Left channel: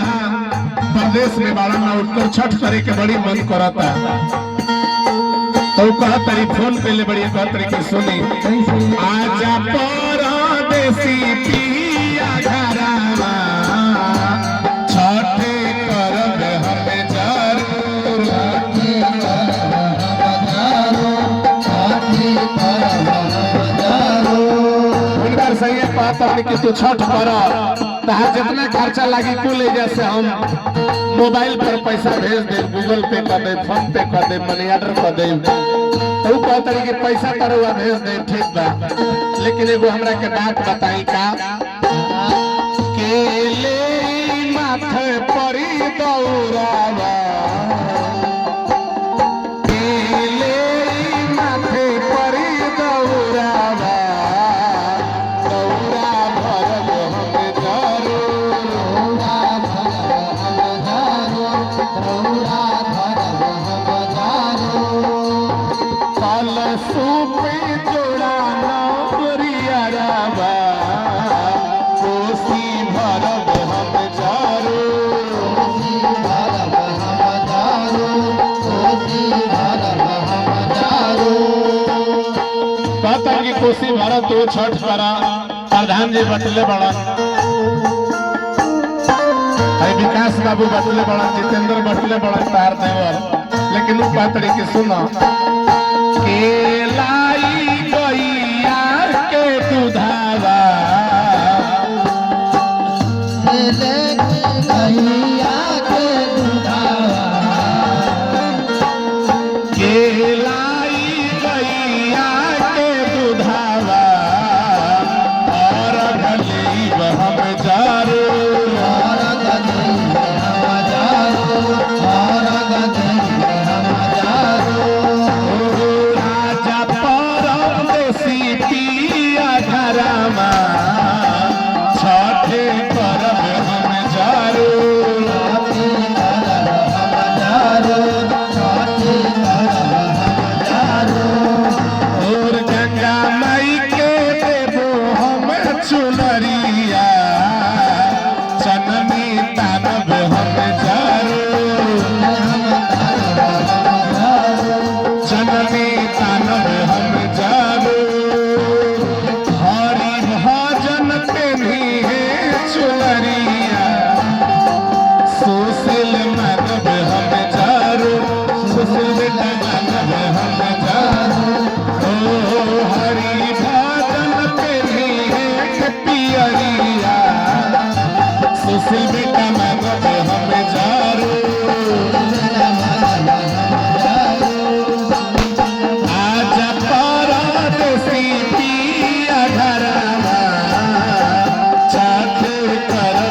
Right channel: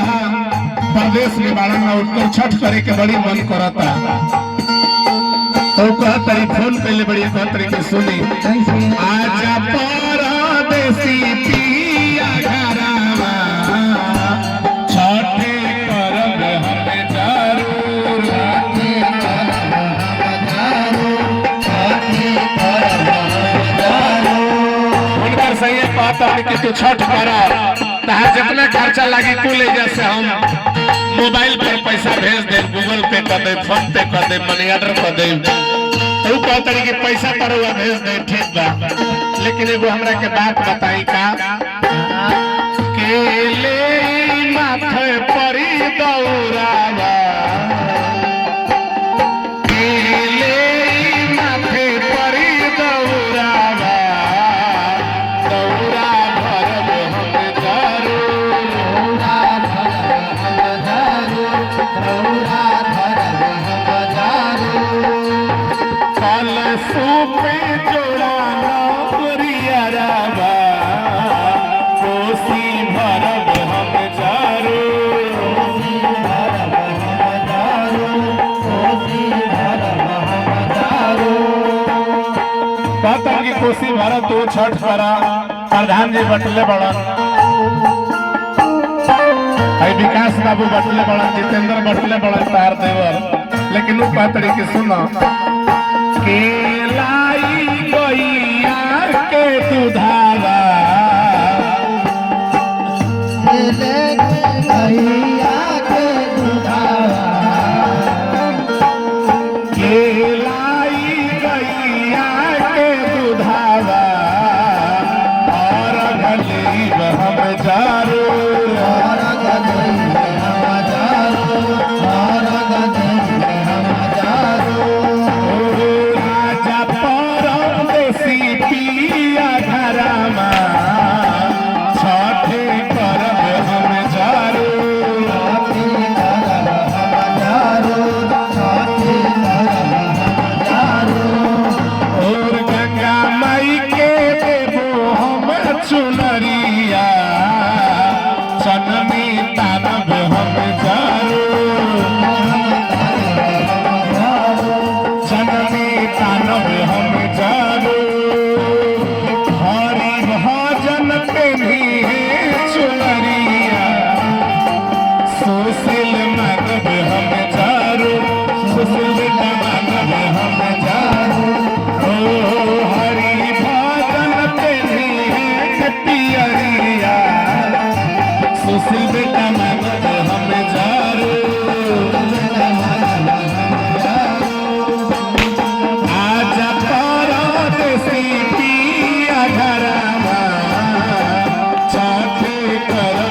प्रदेश में बाड़ा में उठकर छठ करे के बड़ी मन करता तो कह तरी फोन पे ले बड़ी कह तरी के सुनी आजा परदेसी पिया घरावा छठे करब हम जरूर उनकर सही बात है कि तू छठ करा तहां जितना खर्चा लगी कुल जैसे हम मोबाइल पे पैसा भेज दे, गूगल पे कर दे, फोन पे कर दे, मनी ऑर्डर कर दे तो कहते कि पैसा तरुआ भेज दे ठीक बा। लेकिन एगो हमरा के बात बताई का केले माथे परी दौरावा केले माथे परी दौरावा दौरा भरब हम कल सूपे जोड़ा नरियरवा कोसी भरब हम कहता कि कोसी भरब तो छठ करा प्रधान जी बटले बड़ा विकास बाबू बटले बड़ा जितेंद्र बटले बड़ा तार देवर लेकिन वो कहते कि सुनो केलाई गैया के दुधावा